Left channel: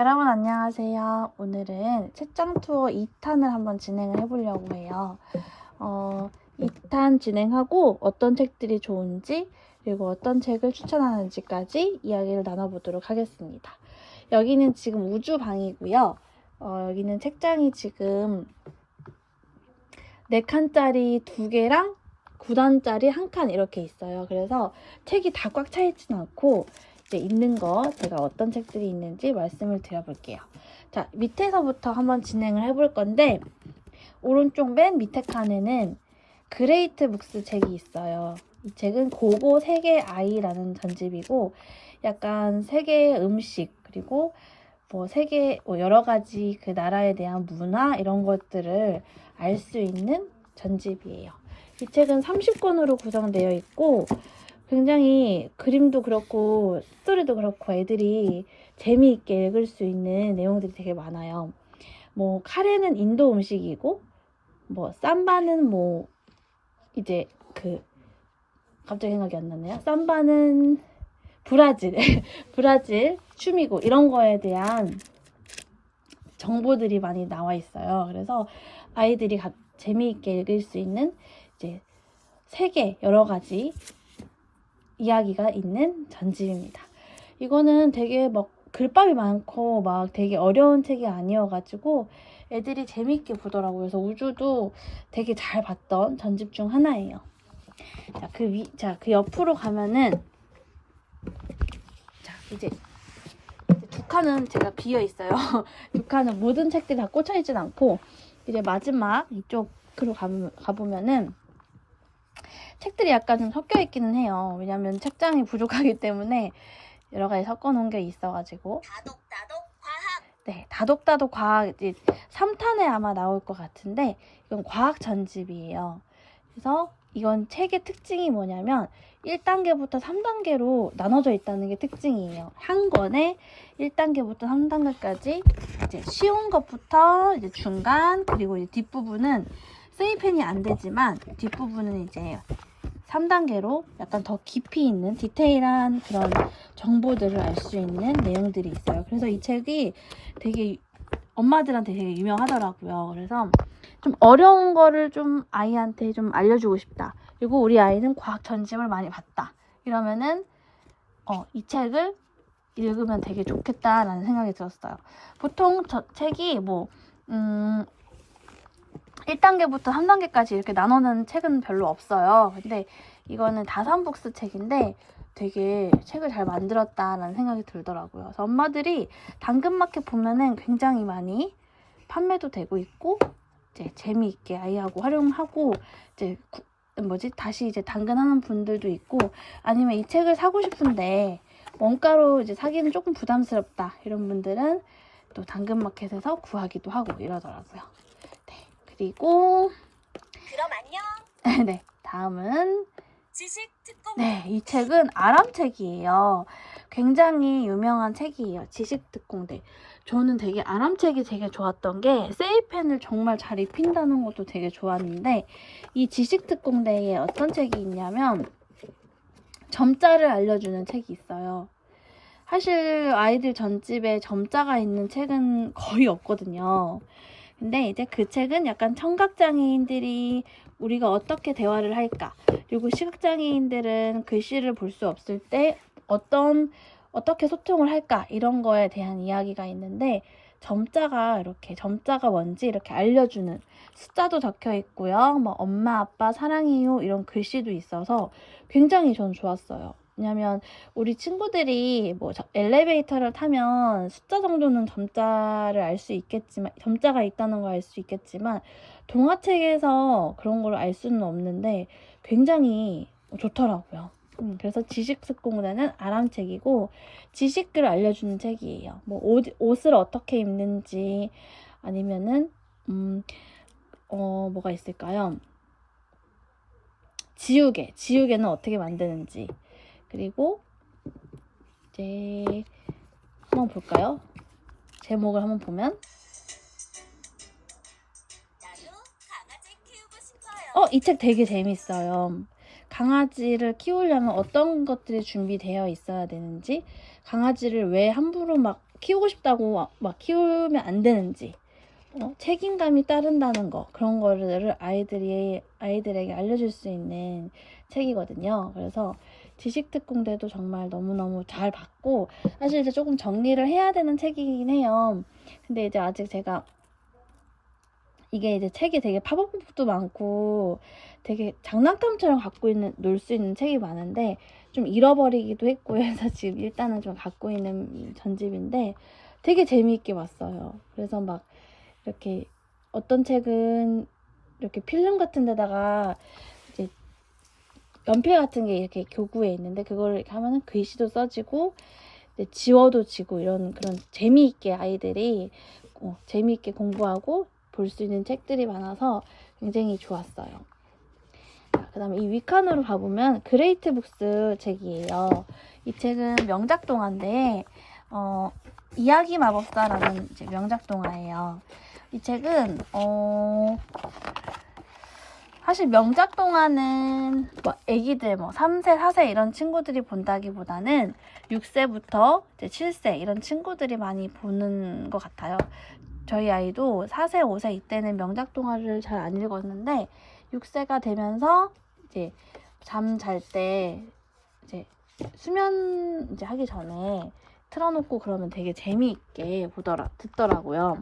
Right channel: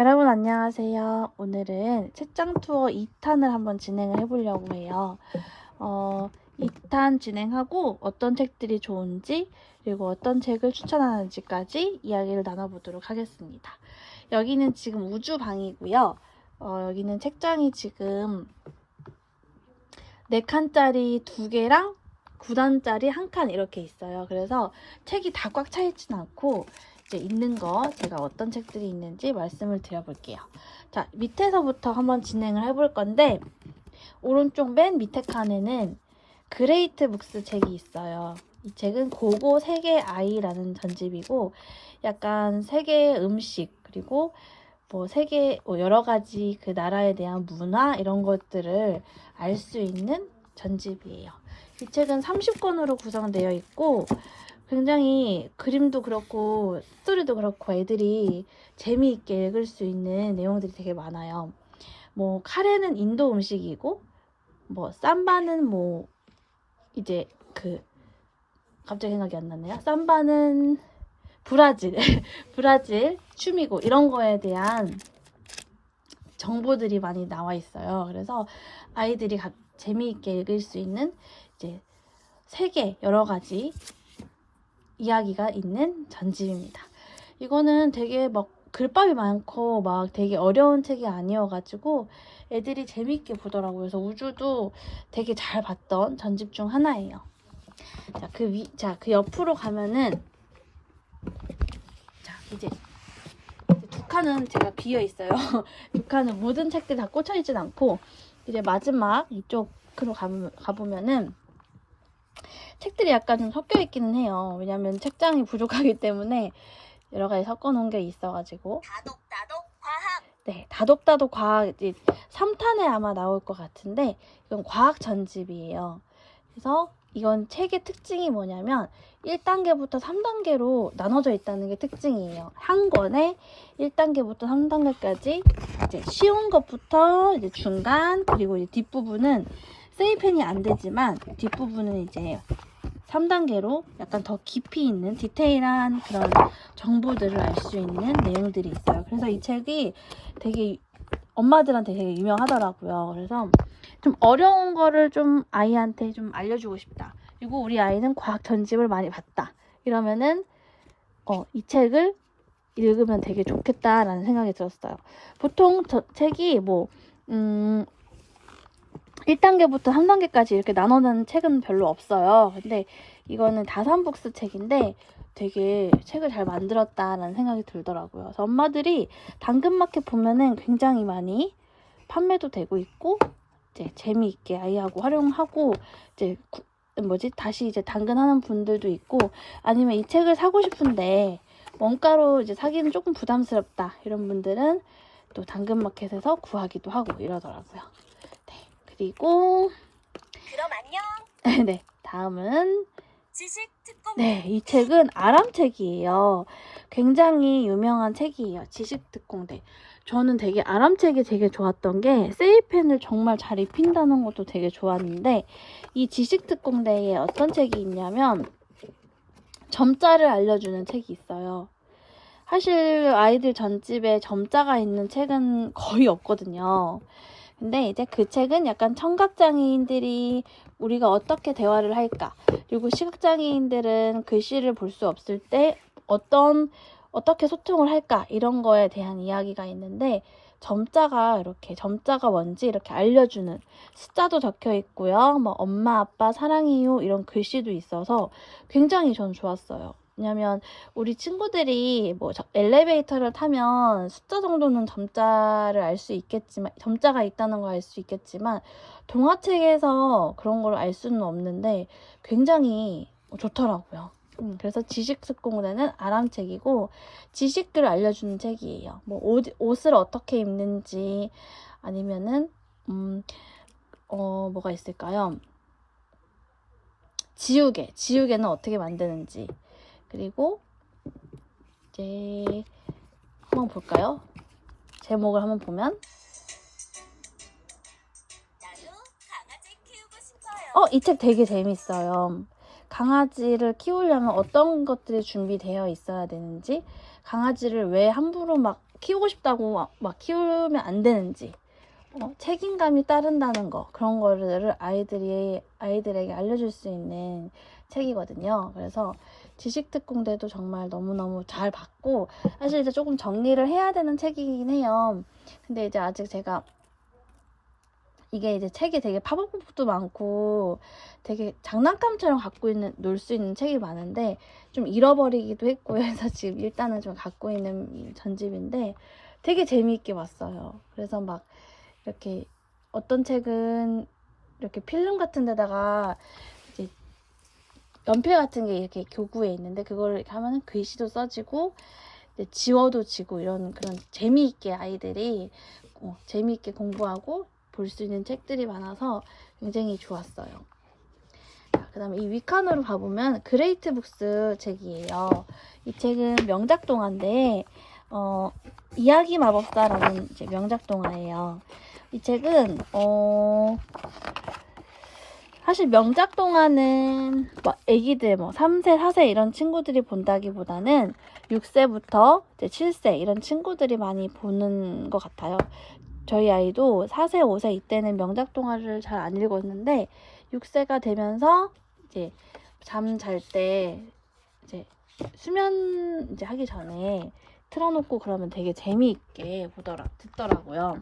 여러분 안녕하세요. 오늘은 책장 투어 2탄을 한번 진행을 해보려고 해요. 2탄 진행하고 어떤 책들이 좋은지 그리고 어떤 책을 추천하는지까지 이야기를 나눠보도록 하겠습니다. 여기는 지금 우주방이고요. 여기는 책장이 지금 4칸짜리 2개랑 9단짜리 1칸 이렇게 있어요. 그래서 책이 다 꽉 차 있진 않고 이제 있는 거 제가 어떤 책들이 있는지 말씀을 드려볼게요. 자, 밑에서부터 한번 진행을 해볼 건데 오른쪽 맨 밑에 칸에는 그레이트 북스 책이 있어요. 이 책은 고고 세계 아이라는 전집이고 약간 세계 음식 그리고 뭐 세계 여러 가지 그 나라에 대한 문화 이런 것들을 알 수 있는 전집이에요. 이 책은 30권으로 구성되어 있고 굉장히 그림도 그렇고 스토리도 그렇고 애들이 재미있게 읽을 수 있는 내용들이 되게 많아요. 뭐 카레는 인도 음식이고 뭐 삼바는 뭐 이제 그 갑자기 생각이 안 나네요. 삼바는 브라질 브라질 춤이고 이런 거에 대한 정보들이 많이 나와 있어요. 그래서 아이들이 재미있게 읽을 수 있는 이제 세계 여러 가지 이야기가 있는 전집입니다. 이거는 되게 막 글밥이 많고 막 되게 어려운 책이 아니어가지고 애들이 재미있게 보더라고요. 그래서 우주도 되게 잘 봤던 전집 중 하나예요. 자, 그 옆으로 가면은 자, 이제 두 칸은 제가 비어 있어요. 두 칸은 모든 책들이 다 꽂혀 있진 않고 이제 마지막 이쪽으로 가보면은 책들이 약간 좀 섞여 있기는 해요. 왜냐면 책장이 부족하기 때문에 여러 가지 섞어 놓은 게 있어가지고. 다독다독 과학. 네, 다독다독 과학 이제 3탄에 아마 나올 것 같은데 이건 과학 전집이에요. 그래서 이건 책의 특징이 뭐냐면 1단계부터 3단계로 나눠져 있다는 게 특징이에요. 한 권에 1단계부터 3단계까지 이제 쉬운 것부터 이제 중간 그리고 이제 뒷부분은 세이펜이 안 되지만 뒷부분은 이제 3단계로 약간 더 깊이 있는 디테일한 그런 정보들을 알 수 있는 내용들이 있어요. 그래서 이 책이 되게 엄마들한테 되게 유명하더라고요. 그래서 좀 어려운 거를 좀 아이한테 좀 알려주고 싶다. 그리고 우리 아이는 과학 전집을 많이 봤다. 이러면은 이 책을 읽으면 되게 좋겠다라는 생각이 들었어요. 보통 책이 뭐 1단계부터 3단계까지 이렇게 나눠놓는 책은 별로 없어요. 근데 이거는 다산북스 책인데 되게 책을 잘 만들었다라는 생각이 들더라고요. 그래서 엄마들이 당근마켓 보면은 굉장히 많이 판매도 되고 있고 이제 재미있게 아이하고 활용하고 이제 다시 이제 당근하는 분들도 있고 아니면 이 책을 사고 싶은데 원가로 이제 사기는 조금 부담스럽다 이런 분들은 또 당근마켓에서 구하기도 하고 이러더라고요. 그리고 그럼 안녕. 네, 다음은 지식 특공. 네, 이 책은 아람책이에요. 굉장히 유명한 책이에요. 지식특공대. 저는 되게 아람책이 되게 좋았던 게 세이펜을 정말 잘 입힌다는 것도 되게 좋았는데 이 지식특공대에 어떤 책이 있냐면 점자를 알려주는 책이 있어요. 사실 아이들 전집에 점자가 있는 책은 거의 없거든요. 근데 이제 그 책은 약간 청각장애인들이 우리가 어떻게 대화를 할까? 그리고 시각장애인들은 글씨를 볼 수 없을 때 어떻게 소통을 할까? 이런 거에 대한 이야기가 있는데 점자가 뭔지 이렇게 알려주는 숫자도 적혀 있고요. 뭐 엄마, 아빠, 사랑해요 이런 글씨도 있어서 굉장히 전 좋았어요. 왜냐면 우리 친구들이 뭐 엘리베이터를 타면 숫자 정도는 점자를 알 수 있겠지만 점자가 있다는 걸 알 수 있겠지만 동화책에서 그런 걸 알 수는 없는데 굉장히 좋더라고요. 그래서 지식특공대는 아람책이고 지식들을 알려주는 책이에요. 뭐 옷을 어떻게 입는지 아니면은 뭐가 있을까요? 지우개는 어떻게 만드는지 그리고 이제 한번 볼까요? 제목을 한번 보면 나도 강아지 키우고 싶어요. 이 책 되게 재밌어요. 강아지를 키우려면 어떤 것들이 준비되어 있어야 되는지 강아지를 왜 함부로 막 키우고 싶다고 막 키우면 안 되는지, 책임감이 따른다는 거, 그런 거를 아이들에게 알려줄 수 있는 책이거든요. 그래서 지식특공대도 정말 너무너무 잘 봤고, 사실 이제 조금 정리를 해야 되는 책이긴 해요. 근데 이제 아직 제가 이게 이제 책이 되게 팝업북도 많고 되게 장난감처럼 놀 수 있는 책이 많은데 좀 잃어버리기도 했고 해서 지금 일단은 좀 갖고 있는 전집인데 되게 재미있게 봤어요. 그래서 막 이렇게 어떤 책은 이렇게 필름 같은 데다가 이제 연필 같은 게 이렇게 교구에 있는데 그걸 이렇게 하면은 글씨도 써지고 지워도 지고 이런 그런 재미있게 아이들이 재미있게 공부하고 볼 수 있는 책들이 많아서 굉장히 좋았어요. 그 다음에 이 위칸으로 가보면 그레이트 북스 책이에요. 이 책은 명작 동화인데 이야기 마법사라는 이제 명작 동화예요. 이 책은 사실 명작 동화는 뭐 애기들 3세, 4세 이런 친구들이 본다기보다는 6세부터 이제 7세 이런 친구들이 많이 보는 것 같아요. 저희 아이도 4세, 5세 이때는 명작 동화를 잘 안 읽었는데 6세가 되면서 이제 잠 잘 때 이제 수면 이제 하기 전에 틀어놓고 그러면 되게 재미있게 듣더라고요.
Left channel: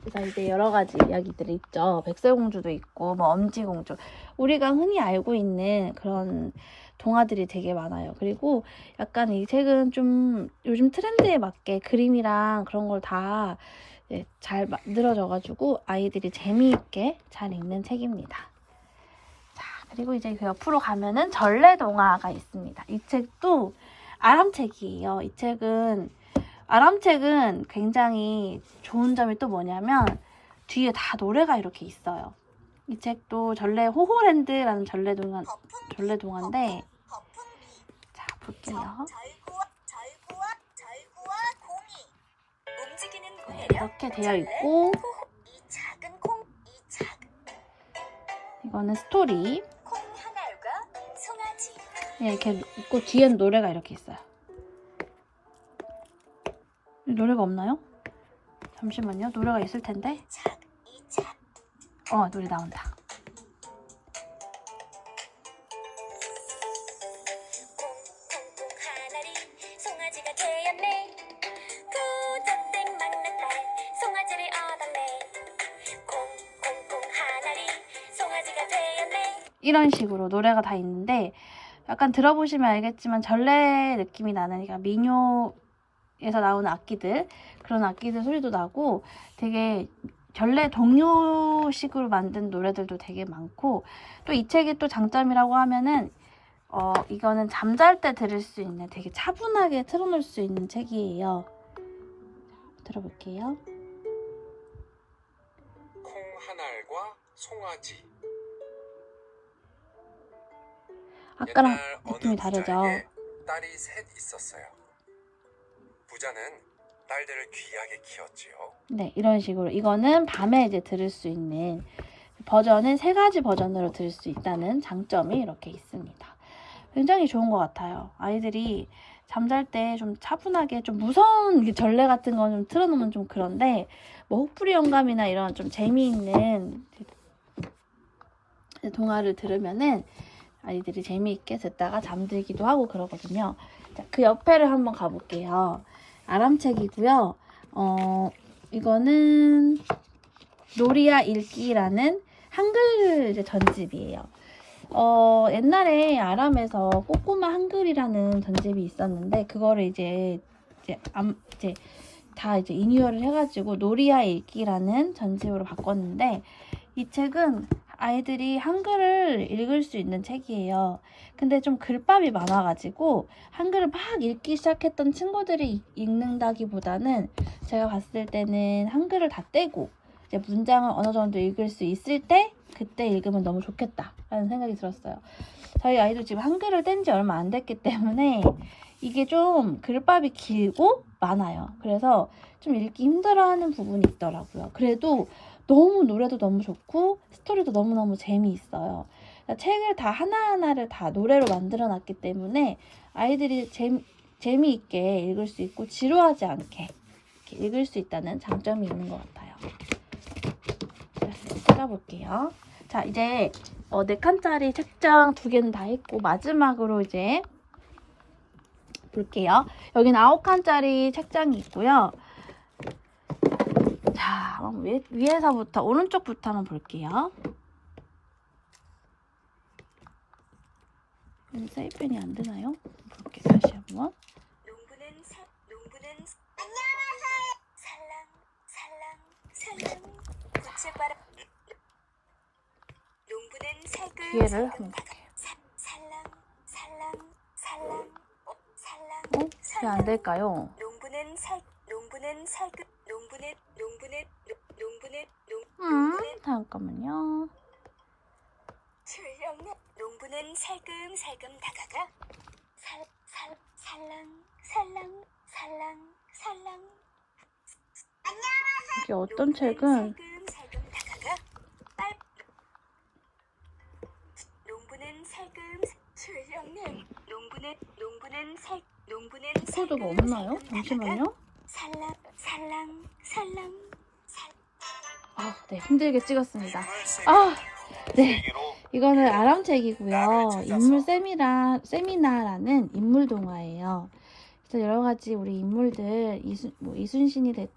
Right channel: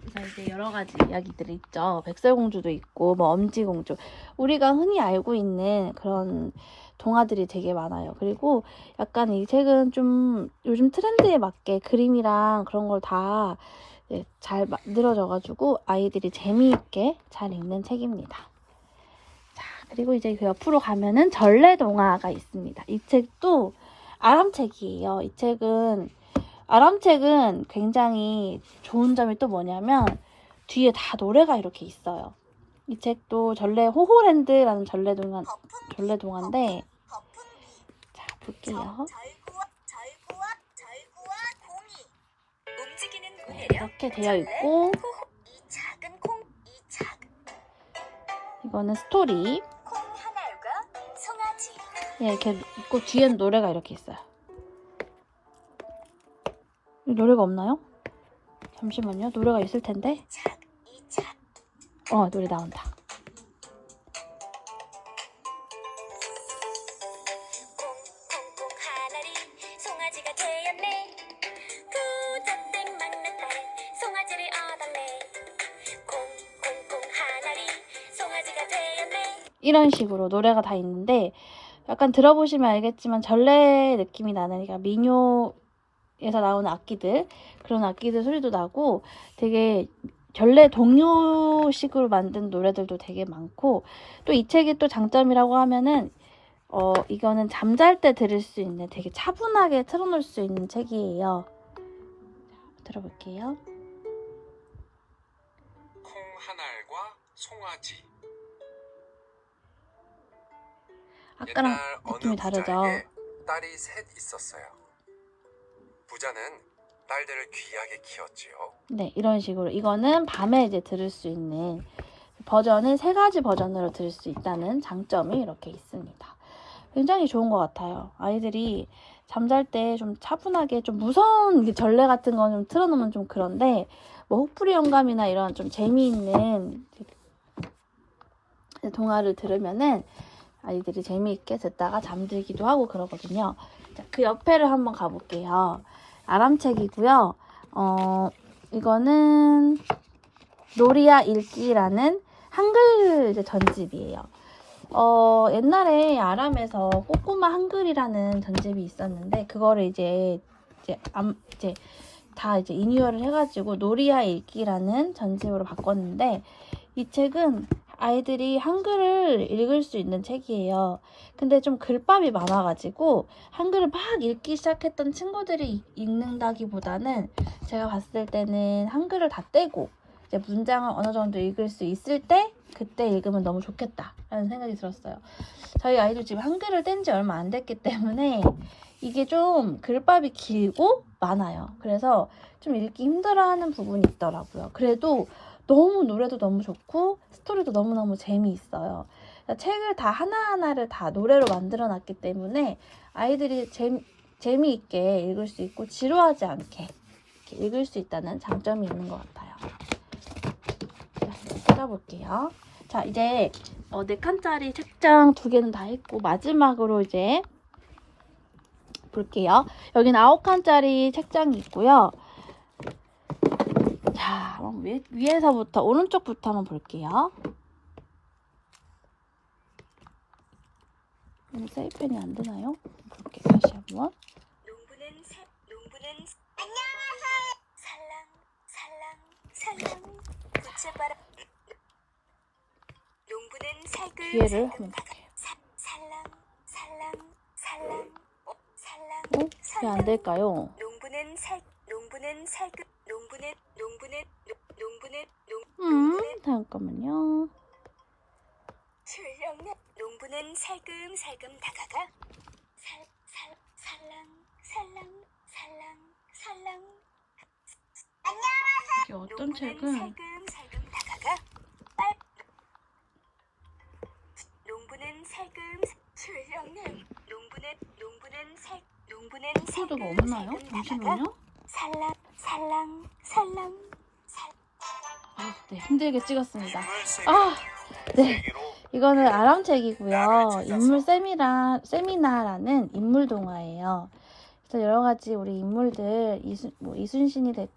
그래서 이제 여러 가지 이야기들이 있죠. 백설공주도 있고 뭐 엄지공주, 우리가 흔히 알고 있는 그런 동화들이 되게 많아요. 그리고 약간 이 책은 좀 요즘 트렌드에 맞게 그림이랑 그런 걸 다 잘 만들어져가지고 아이들이 재미있게 잘 읽는 책입니다. 자, 그리고 이제 그 옆으로 가면은 전래동화가 있습니다. 이 책도 아람책이에요. 이 책은 아람책은 굉장히 좋은 점이 또 뭐냐면 뒤에 다 노래가 이렇게 있어요. 이 책도 호호랜드라는 전래동화인데 자, 볼게요. 이렇게 되어 있고 이거는 스토리 이렇게 있고 뒤에는 노래가 이렇게 있어요. 노래가 없나요? 잠시만요. 노래가 있을 텐데. 노래 나온다. 송아지가 되었네. 구독된 막내딸 송아지를 얻었네. 콩콩콩 하나리 송아지가 되었네. 이런 식으로 노래가 다 있는데 약간 들어보시면 알겠지만 전래 느낌이 나는, 그러니까 민요에서 나오는 악기들, 그런 악기들 소리도 나고 되게 전래 동요식으로 만든 노래들도 되게 많고, 또 이 책이 또 장점이라고 하면은 이거는 잠잘 때 들을 수 있는, 되게 차분하게 틀어놓을 수 있는 책이에요. 들어볼게요. 콩하날과 송아지. 아까랑 옛날 느낌이 어느 다르죠? 부자에게 딸이 셋 있었어요. 부자는 딸들을 귀하게 키웠지요. 네, 이런 식으로 이거는 밤에 이제 들을 수 있는 버전은 3가지 버전으로 들을 수 있다는 장점이 이렇게 있습니다. 굉장히 좋은 것 같아요. 아이들이 잠잘 때 좀 차분하게, 좀 무서운 전래 같은 거 좀 틀어놓으면 좀 그런데 뭐 혹부리 영감이나 이런 좀 재미있는 동화를 들으면은 아이들이 재미있게 듣다가 잠들기도 하고 그러거든요. 자, 그 옆에를 한번 가볼게요. 아람책이고요. 이거는 노리아 읽기라는 한글 이제 전집이에요. 옛날에 아람에서 꼬꼬마 한글이라는 전집이 있었는데 그거를 이제 다 리뉴얼을 해가지고 노리아 읽기라는 전집으로 바꿨는데, 이 책은 아이들이 한글을 읽을 수 있는 책이에요. 근데 좀 글밥이 많아가지고 한글을 막 읽기 시작했던 친구들이 읽는다기보다는 제가 봤을 때는 한글을 다 떼고 이제 문장을 어느 정도 읽을 수 있을 때 그때 읽으면 너무 좋겠다라는 생각이 들었어요. 저희 아이도 지금 한글을 뗀 지 얼마 안 됐기 때문에 이게 좀 글밥이 길고 많아요. 그래서 좀 읽기 힘들어하는 부분이 있더라고요. 그래도 너무 노래도 너무 좋고 스토리도 너무너무 재미있어요. 그러니까 책을 다 하나하나를 다 노래로 만들어 놨기 때문에 아이들이 재미있게 읽을 수 있고 지루하지 않게 이렇게 읽을 수 있다는 장점이 있는 것 같아요. 자, 찾아볼게요. 자, 이제 4칸짜리 책장 2개는 다 했고 마지막으로 이제 볼게요. 여기는 9칸짜리 책장이 있고요. 자, 그럼 위에서부터 오른쪽부터 한번 볼게요. 사이펜이 안 되나요? 볼게요. 다시 한번. 농부는 안녕하세요. 살랑 부채바람. 농부는 뒤에를 살금 한번 볼게요. 살랑 왜 안 될까요? 농부는 살금 농부는 잠깐만요. 출렁내 농부는 살금 다가가 살랑 이게 어떤 책은 살금 다가가 농부는 살금 출렁내 농부는 코드가 없나요? 잠시만요. 살랑 아, 네, 힘들게 찍었습니다. 아, 네. 이거는 아람책이고요. 인물 세미나라는 인물 동화예요. 그래서 여러 가지 우리 인물들 이순신이 될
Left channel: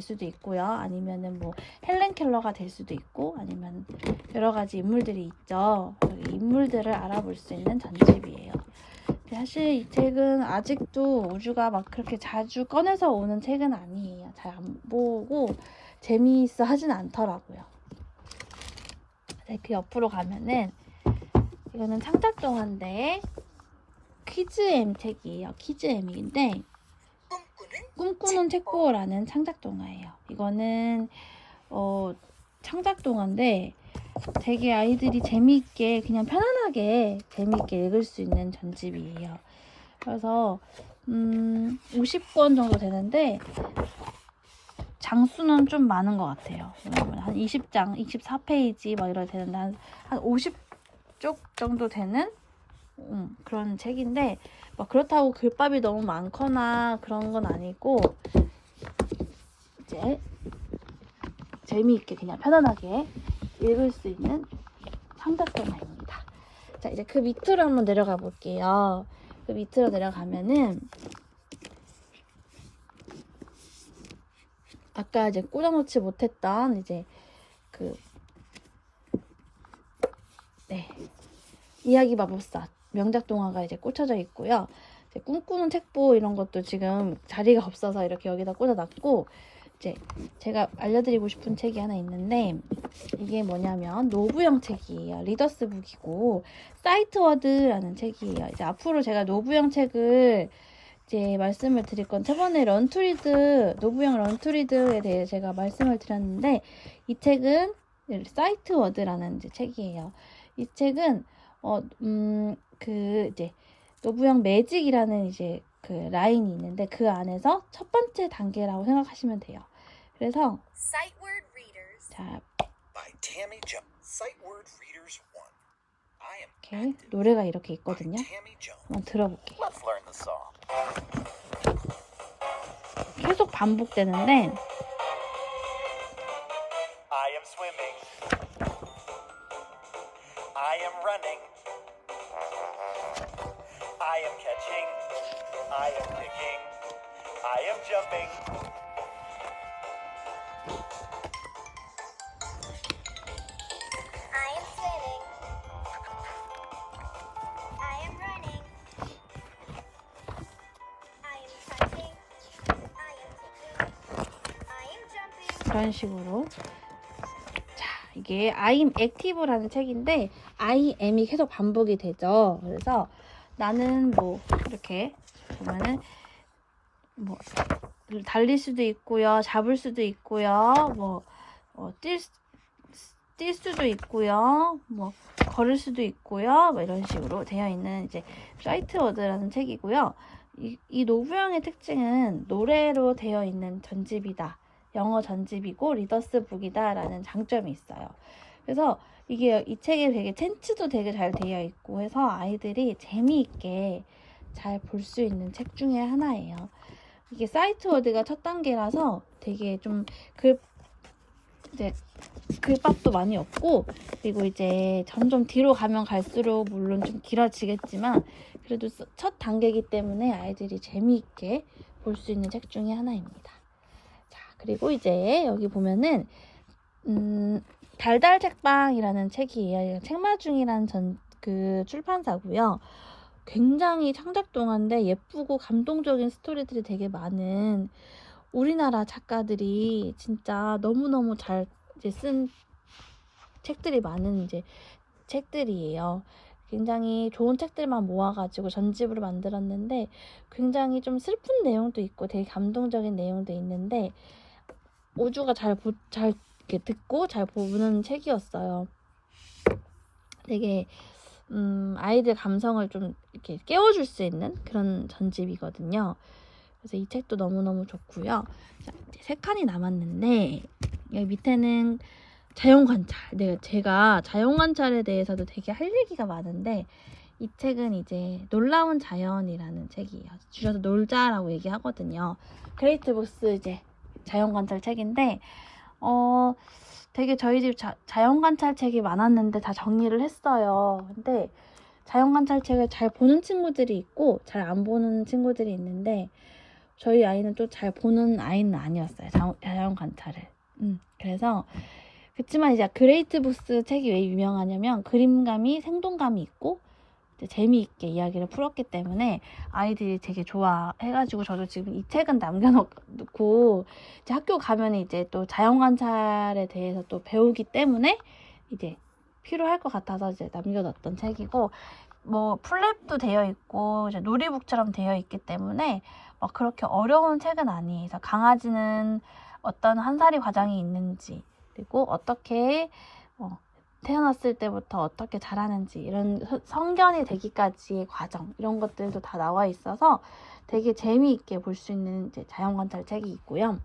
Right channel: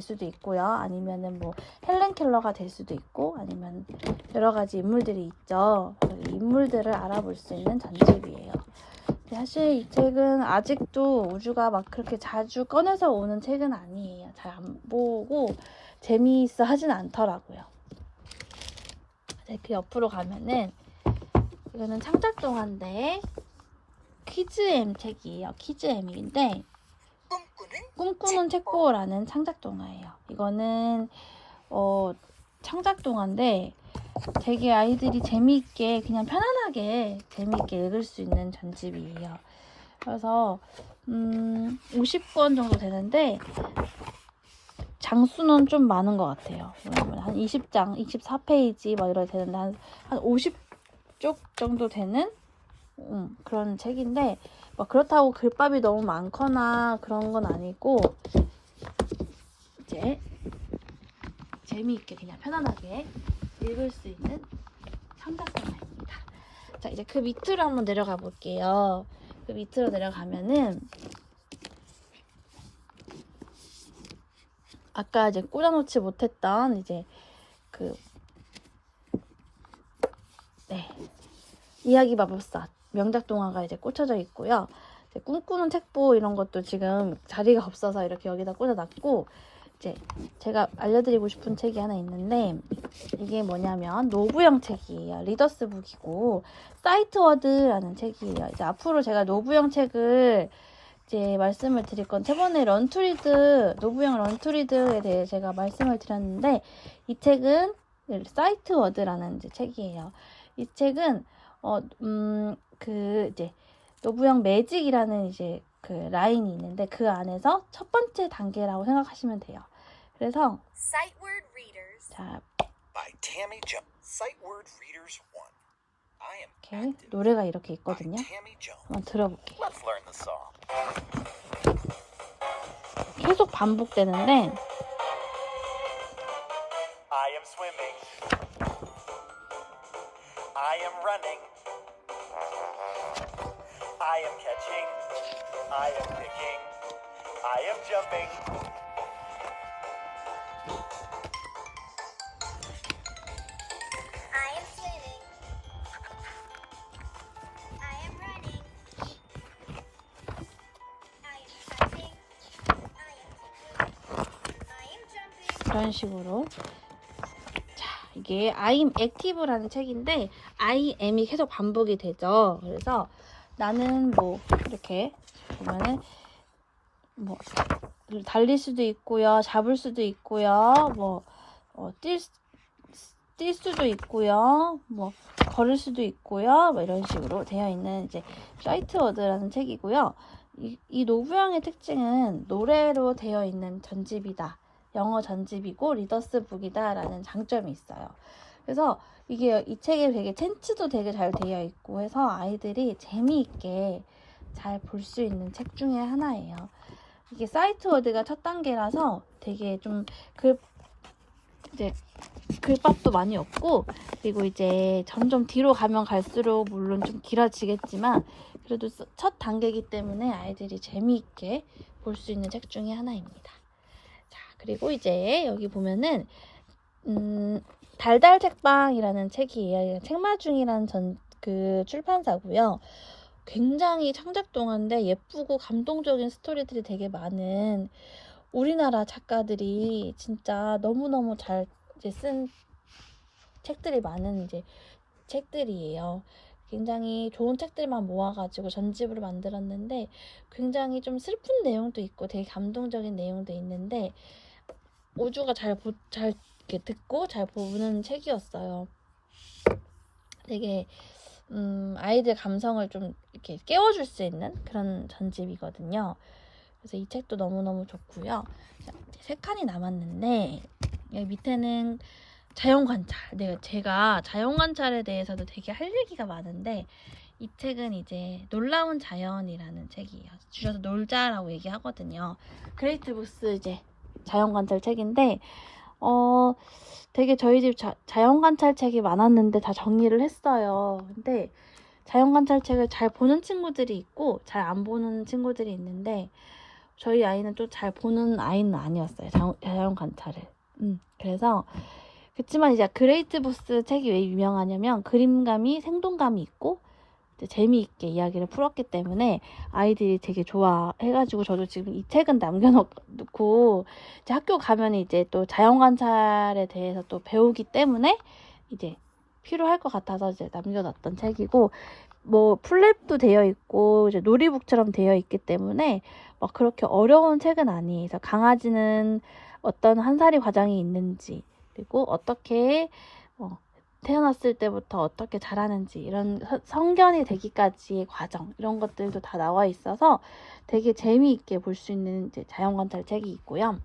수도 있고요. 아니면은 뭐 헬렌 켈러가 될 수도 있고, 아니면 여러 가지 인물들이 있죠. 이 인물들을 알아볼 수 있는 전집이에요. 사실 이 책은 아직도 우주가 막 그렇게 자주 꺼내서 오는 책은 아니에요. 잘 안 보고 재미있어 하진 않더라고요. 그 옆으로 가면은 이거는 창작동화인데 퀴즈엠 책이에요. 퀴즈엠인데 꿈꾸는 책보라는 창작동화예요. 이거는 창작동화인데 되게 아이들이 재미있게 그냥 편안하게 재미있게 읽을 수 있는 전집이에요. 그래서 50권 정도 되는데 장수는 좀 많은 것 같아요. 한 20장, 24페이지 막 이렇게 되는데 한 50쪽 정도 되는 그런 책인데 막 그렇다고 글밥이 너무 많거나 그런 건 아니고 이제 재미있게 그냥 편안하게 읽을 수 있는 창작동화입니다. 자, 이제 그 밑으로 한번 내려가 볼게요. 그 밑으로 내려가면은 아까 이제 꽂아놓지 못했던 이제 이야기 마법사 명작 동화가 이제 꽂혀져 있고요. 이제 꿈꾸는 책보 이런 것도 지금 자리가 없어서 이렇게 여기다 꽂아놨고, 이제 제가 알려드리고 싶은 책이 하나 있는데 이게 뭐냐면 노부영 책이에요. 리더스 북이고 사이트워드라는 책이에요. 이제 앞으로 제가 노부영 책을 이제 말씀을 드릴 건 저번에 런투리드 노부영 런투리드에 대해 제가 말씀을 드렸는데 이 책은 사이트워드라는 이제 책이에요. 이 책은 이제 노부영 매직이라는 이제 그 라인이 있는데 그 안에서 첫 번째 단계라고 생각하시면 돼요. 그래서 Sight word readers. 자 By Tammy Jones. Sight word readers 1. I am 이렇게 active. 노래가 이렇게 By 있거든요. Tammy Jones. 한번 들어볼게요. Let's learn the song. 계속 반복되는데 I am swimming. I am running. I am catching. I am picking. I am jumping. I am swimming. I am running. I am fighting. I am kicking. I am jumping. 이런 식으로 자 이게 I'm Active라는 책인데 I am이 계속 반복이 되죠. 그래서 나는 뭐 이렇게 보면은 뭐 달릴 수도 있고요, 잡을 수도 있고요, 뭐 뛸 수도 있고요, 뭐 걸을 수도 있고요, 뭐 이런 식으로 되어 있는 이제 사이트워드라는 책이고요. 이 노부영의 특징은 노래로 되어 있는 전집이다. 영어 전집이고 리더스 북이다라는 장점이 있어요. 그래서 이게 이 책에 되게 텐츠도 되게 잘 되어 있고 해서 아이들이 재미있게 잘 볼 수 있는 책 중에 하나예요. 이게 사이트워드가 첫 단계라서 되게 좀 이제 글밥도 많이 없고, 그리고 이제 점점 뒤로 가면 갈수록 물론 좀 길어지겠지만 그래도 첫 단계이기 때문에 아이들이 재미있게 볼 수 있는 책 중에 하나입니다. 자, 그리고 이제 여기 보면은 달달 책방이라는 책이에요. 책마중이라는 그 출판사고요. 굉장히 창작동화인데 예쁘고 감동적인 스토리들이 되게 많은, 우리나라 작가들이 진짜 너무너무 잘 이제 쓴 책들이 많은 이제 책들이에요. 굉장히 좋은 책들만 모아가지고 전집으로 만들었는데 굉장히 좀 슬픈 내용도 있고 되게 감동적인 내용도 있는데 우주가 잘 이렇게 듣고 잘 보는 책이었어요. 되게 아이들 감성을 좀 이렇게 깨워줄 수 있는 그런 전집이거든요. 그래서 이 책도 너무너무 좋고요. 자, 이제 3칸이 남았는데 여기 밑에는 자연관찰. 제가 자연관찰에 대해서도 되게 할 얘기가 많은데 이 책은 이제 놀라운 자연이라는 책이에요. 줄여서 놀자라고 얘기하거든요. 그레이트북스 이제 자연관찰 책인데 되게 저희 집 자연관찰 책이 많았는데 다 정리를 했어요. 근데 자연관찰 책을 잘 보는 친구들이 있고 잘 안 보는 친구들이 있는데 저희 아이는 또 잘 보는 아이는 아니었어요. 자연관찰을. 그래서 그렇지만 이제 그레이트북스 책이 왜 유명하냐면 그림감이 생동감이 있고 이제 재미있게 이야기를 풀었기 때문에 아이들이 되게 좋아해가지고 저도 지금 이 책은 남겨놓고 이제 학교 가면 이제 또 자연관찰에 대해서 또 배우기 때문에 이제 필요할 것 같아서 이제 남겨놨던 책이고, 뭐 플랩도 되어 있고 이제 놀이북처럼 되어 있기 때문에 막 그렇게 어려운 책은 아니에요. 그래서 강아지는 어떤 한 살이 과정이 있는지, 그리고 어떻게 태어났을 때부터 어떻게 자라는지, 이런 성견이 되기까지의 과정, 이런 것들도 다 나와 있어서 되게 재미있게 볼 수 있는 이제 자연관찰 책이 있고요.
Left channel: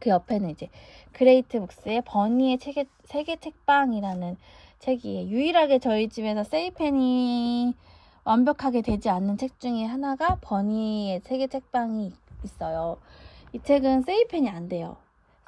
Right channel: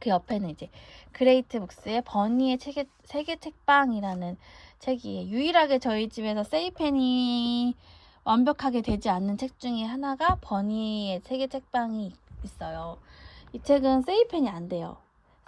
그 옆에는 이제 그레이트북스의 버니의 세계 책방이라는 책이에요. 유일하게 저희 집에서 세이펜이 완벽하게 되지 않는 책 중에 하나가 버니의 세계 책방이 있어요. 이 책은 세이펜이 안 돼요.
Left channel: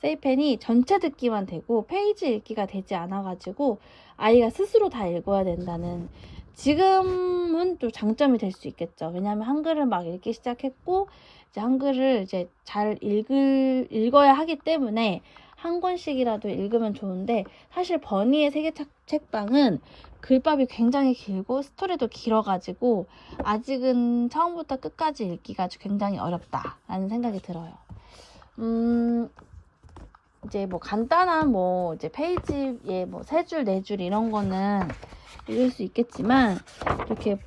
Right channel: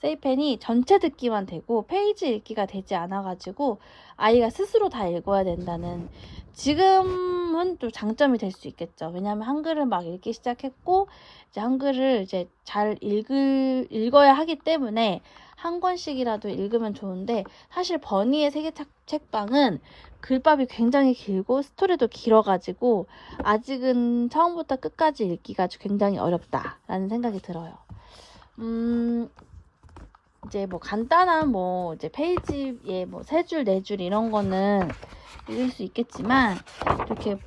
세이펜이 전체 듣기만 되고 페이지 읽기가 되지 않아가지고 아이가 스스로 다 읽어야 된다는, 지금은 또 장점이 될 수 있겠죠. 왜냐하면 한글을 막 읽기 시작했고 이제 한글을 이제 잘 읽어야 하기 때문에 한 권씩이라도 읽으면 좋은데, 사실 버니의 세계 책방은 글밥이 굉장히 길고 스토리도 길어가지고 아직은 처음부터 끝까지 읽기가 굉장히 어렵다라는 생각이 들어요. 이제 뭐 간단한 뭐 이제 페이지에 뭐 3줄, 4줄 이런 거는 읽을 수 있겠지만 이렇게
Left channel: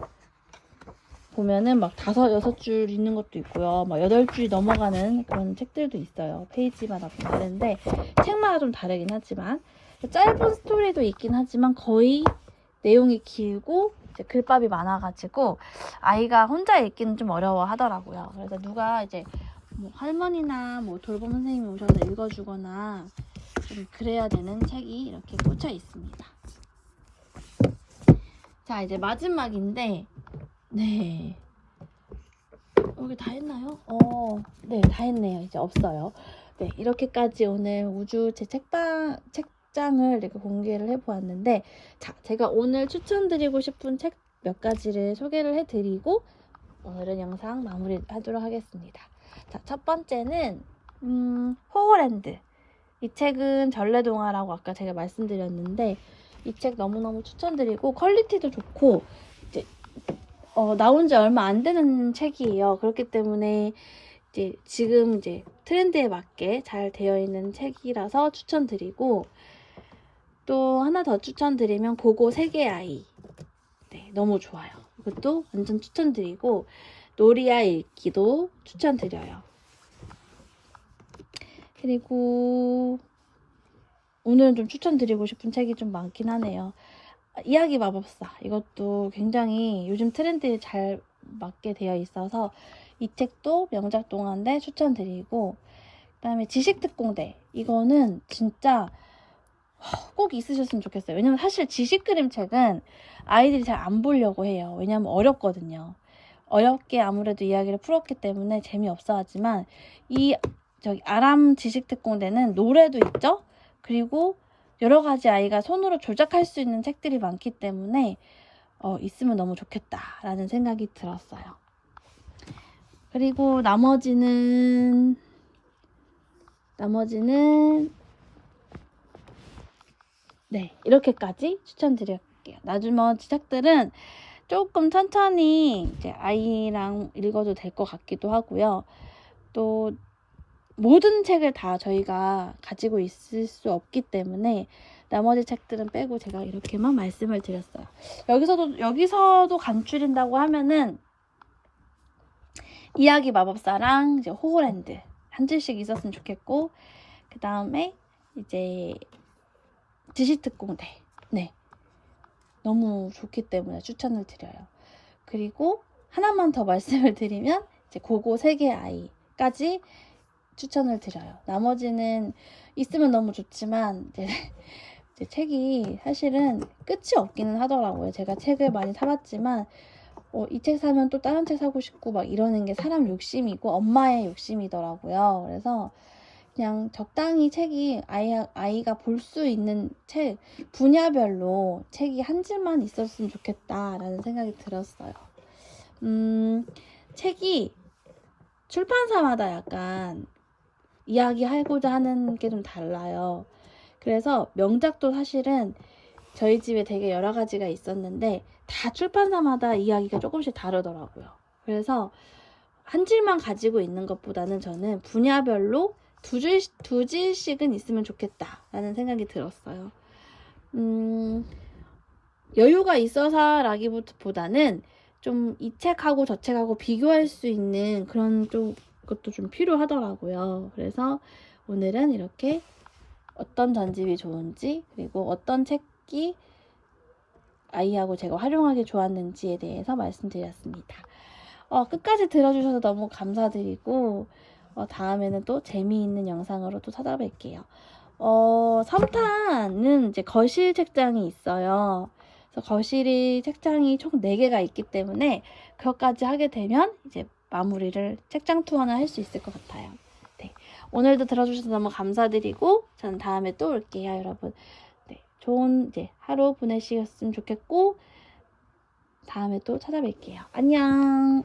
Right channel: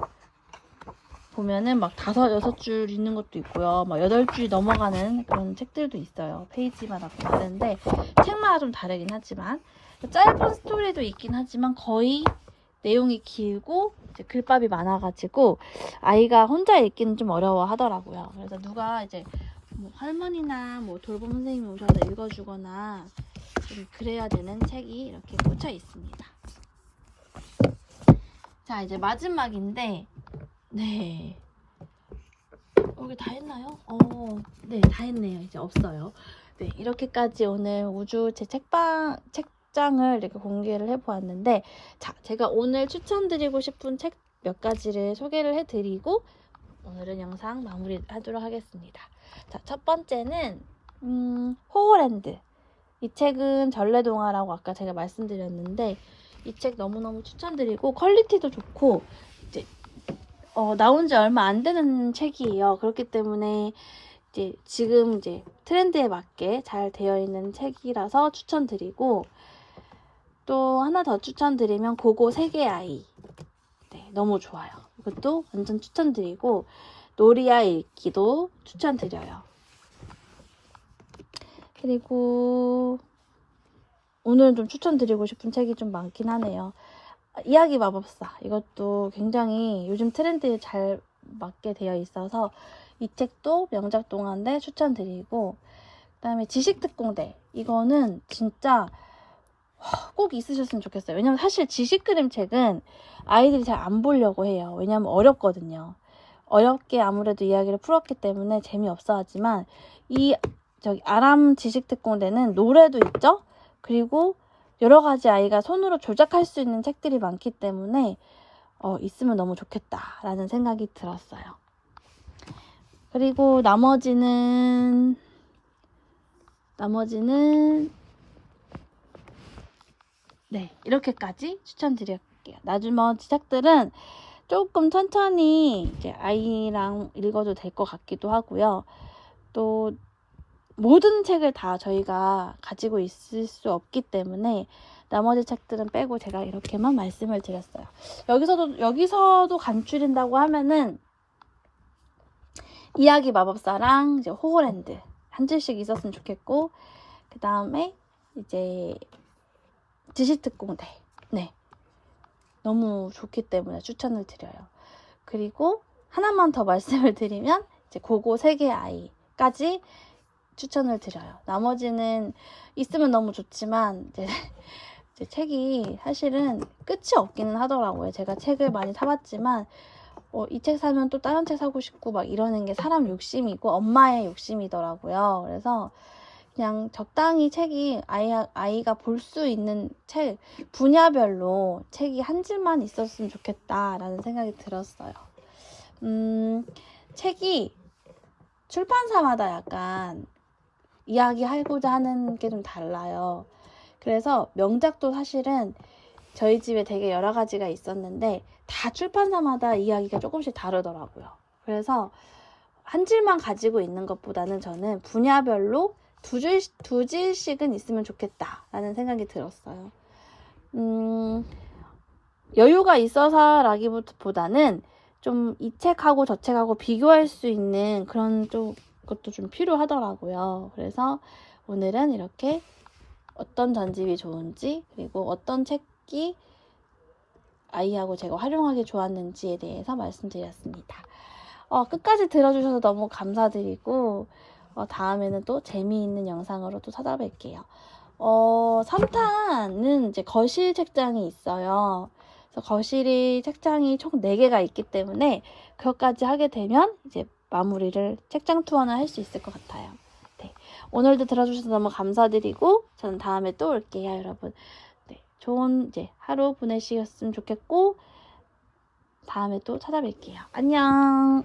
보면은 막 5, 6줄 있는 것도 있고요. 막 8줄이 넘어가는 그런 책들도 있어요. 페이지마다 다른데 책마다 좀 다르긴 하지만 짧은 스토리도 있긴 하지만 거의 내용이 길고 이제 글밥이 많아가지고 아이가 혼자 읽기는 좀 어려워 하더라고요. 그래서 누가 이제 뭐 할머니나 뭐 돌봄 선생님이 오셔서 읽어주거나 좀 그래야 되는 책이 이렇게 꽂혀 있습니다. 자, 이제 마지막인데, 네. 여기 다 했나요? 네, 다 했네요. 이제 없어요. 네, 이렇게까지 오늘 우주 제 책장을 이렇게 공개를 해보았는데, 자, 제가 오늘 추천드리고 싶은 책 몇 가지를 소개를 해드리고 오늘은 영상 마무리하도록 하겠습니다. 자, 첫 번째는 호우랜드. 이 책은 전래동화라고 아까 제가 말씀드렸는데 이 책 너무너무 추천드리고 퀄리티도 좋고 이제 나온 지 얼마 안 되는 책이에요. 그렇기 때문에 이제 지금 이제 트렌드에 맞게 잘 되어 있는 책이라서 추천드리고, 또 하나 더 추천드리면 고고 세계 아이. 네, 너무 좋아요. 이것도 완전 추천드리고 노리아 읽기도 추천드려요. 그리고 오늘은 좀 추천드리고 싶은 책이 좀 많긴 하네요. 이야기 마법사. 이것도 굉장히 요즘 트렌드에 잘 맞게 되어 있어서 이 책도 명작 동화인데 추천드리고, 그 다음에 지식특공대. 이거는 진짜 꼭 있으셨으면 좋겠어요. 왜냐면 사실 지식 그림책은 아이들이 잘 안 보려고 해요. 왜냐면 어렵거든요. 어렵게 아무래도 이야기를 풀었기 때문에 재미없어 하지만 이 아람 지식특공대는 노래도 있죠. 그리고 여러 가지 아이가 손으로 조작할 수 있는 책들이 많기 때문에 있으면 너무 좋겠다라는 생각이 들었어요. 그리고 나머지는 네, 이렇게까지 추천드릴게요. 나머지 책들은 조금 천천히 이제 아이랑 읽어도 될 것 같기도 하고요. 또 모든 책을 다 저희가 가지고 있을 수 없기 때문에 나머지 책들은 빼고 제가 이렇게만 말씀을 드렸어요. 여기서도 간추린다고 하면은 이야기 마법사랑 이제 호그랜드 한 줄씩 있었으면 좋겠고, 그 다음에 이제 지식특공대, 네, 너무 좋기 때문에 추천을 드려요. 그리고 하나만 더 말씀을 드리면 이제 고고 세계 아이까지 추천을 드려요. 나머지는 있으면 너무 좋지만 이제 책이 사실은 끝이 없기는 하더라고요. 제가 책을 많이 사봤지만 이 책 사면 또 다른 책 사고 싶고 막 이러는 게 사람 욕심이고 엄마의 욕심이더라고요. 그래서 그냥 적당히 책이 아이가 볼 수 있는 책 분야별로 책이 한 줄만 있었으면 좋겠다라는 생각이 들었어요. 책이 출판사마다 약간 이야기하고자 하는 게 좀 달라요. 그래서 명작도 사실은 저희 집에 되게 여러 가지가 있었는데 다 출판사마다 이야기가 조금씩 다르더라고요. 그래서 한 줄만 가지고 있는 것보다는 저는 분야별로 두 줄씩은 있으면 좋겠다라는 생각이 들었어요. 여유가 있어서라기보다는 좀 이 책하고 저 책하고 비교할 수 있는 그런 것도 좀 필요하더라고요. 그래서 오늘은 이렇게 어떤 전집이 좋은지, 그리고 어떤 책이 아이하고 제가 활용하기 좋았는지에 대해서 말씀드렸습니다. 끝까지 들어주셔서 너무 감사드리고 다음에는 또 재미있는 영상으로 또 찾아뵐게요. 3탄은 이제 거실 책장이 있어요. 그래서 거실이 책장이 총 4개가 있기 때문에 그것까지 하게 되면 이제 마무리를 책장 투어는 할 수 있을 것 같아요. 네. 오늘도 들어주셔서 너무 감사드리고 저는 다음에 또 올게요, 여러분. 네. 좋은 이제 하루 보내셨으면 좋겠고 다음에 또 찾아뵐게요. 안녕.